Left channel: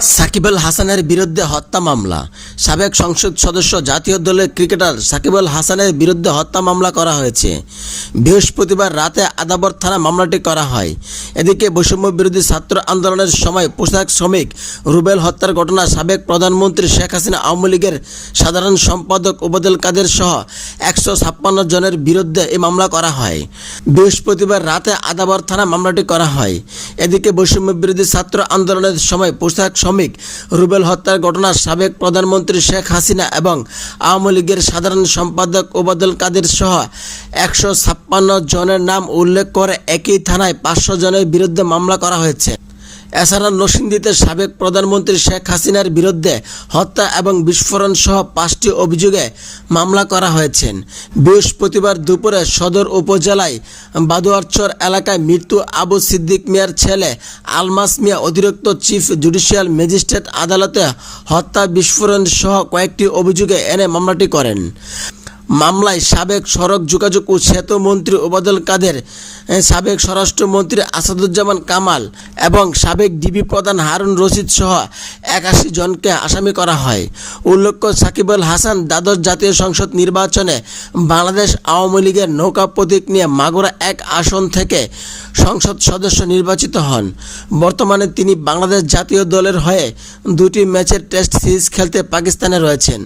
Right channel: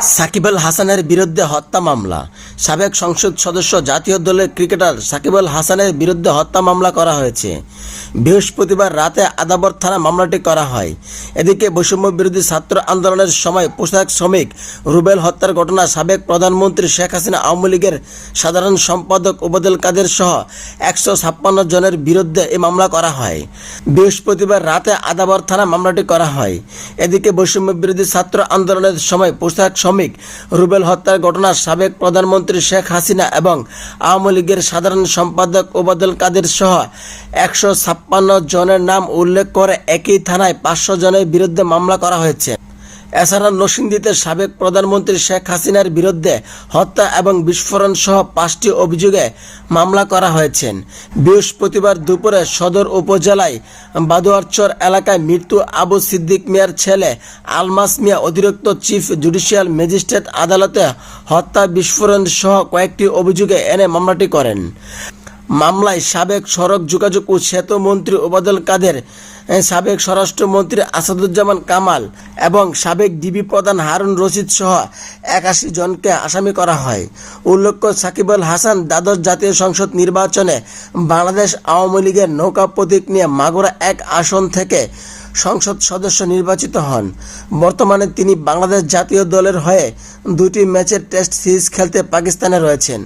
সাকিব আল হাসানের বিরুদ্ধে হত্যা মামলা। সাবেক সংসদ সদস্য জাতীয় দলের ক্রিকেটার সাকিব আল হাসানের বিরুদ্ধে হত্যা মামলা করা হয়েছে। বৃহস্পতিবার রাতে আদাবর থানা মামলাটি করা হয়। এদিকে বৈষম্য বিরোধী ছাত্র আন্দোলনের সময় পোশাক শ্রমিক রুবেল হত্যার ঘটনা সাবেক প্রধানমন্ত্রী শেখ হাসিনা আওয়ামী লীগের সাধারণ সম্পাদক ওবায়দুল কাদের সহ একশো ছাপ্পান্ন জনের বিরুদ্ধে এই মামলা করা হয়। বৃহস্পতিবার রাতে আদাবর থানা মামলাটি করা হয়। এদিকে বৈষম্য বিরোধী ছাত্র আন্দোলনের সময় পোশাক শ্রমিক। রুবেল হত্যার ঘটনা সাবেক প্রধানমন্ত্রী শেখ হাসিনা এবং আওয়ামী লীগের সাধারণ সম্পাদক ওবাদুল কাদের সহ একশো ছাপ্পান্ন জনের নাম উল্লেখ করে একই থানায় পাঁচশো জনের বিরুদ্ধে মামলা করা হয়েছে। এছাড়া নরসিংদীতে সাবেক প্রধানমন্ত্রী শেখ হাসিনার বিরুদ্ধে হত্যা এবং বিস্ফোরণ সহ পাঁচটি অভিযোগে মামলা করা হয়েছে। বৃহস্পতিবার দুপুরে সদর উপজেলায় বাদুয়ারচর এলাকায় মৃত্যু আবু সিদ্দিক মিয়ার ছেলে আলমাস মিয়া, অতিরিক্ত চিফ জুডিশিয়াল ম্যাজিস্ট্রেট আদালতে হত্যা, বিস্ফোরণ সহ কয়েকটি অভিযোগে এনে মামলাটি করেন। মামলায় সাবেক সড়ক যোগাযোগ ও সেতু মন্ত্রী ওবাদুল কাদের সাবেক স্বরাষ্ট্রমন্ত্রী আসাদুজ্জামান কামাল এবং সাবেক ডিবি প্রধান হারুন রশিদ সহ একাশি জনকে আসামি করা হয়। উল্লেখ্য সাকিব আল হাসান দ্বাদশ জাতীয় সংসদ নির্বাচনে বাংলাদেশ আওয়ামী লীগের নৌকা প্রতীক নিয়ে মাগুরা এক আসন থেকে সংসদ সদস্য নির্বাচিত হন। বর্তমানে তিনি বাংলাদেশ জাতীয় দলের হয়ে দুটি ম্যাচের টেস্ট সিরিজ খেলতে পাকিস্তানে রয়েছেন।